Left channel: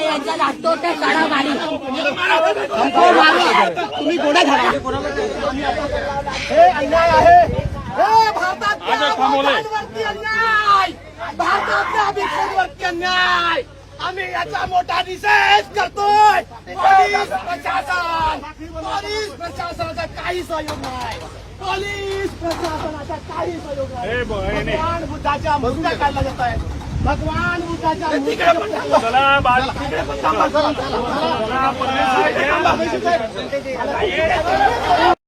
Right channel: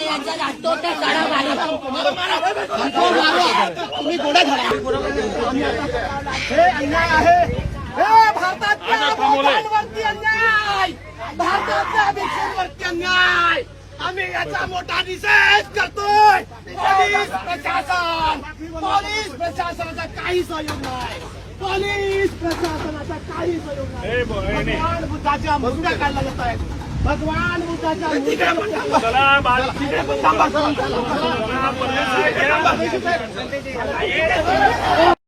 यांच्या लागतो त्या काढा मारी तुम्ही गोडा झाला हे अन्याय आहे हे भारतातल्या भोटांवरती अन्याय भारतातल्या भिक्षांवरती अन्याय आम्ही याचा मोठा निषेध करतोय पोलीस प्रशासनाचा काही सहयोग नाही पोलीस प्रशासनाचा काही सहयोग नाही भगवान बुद्धाच्या मूर्त्या काढल्या जात आहेत भगवान बुद्धाच्या मूर्त्या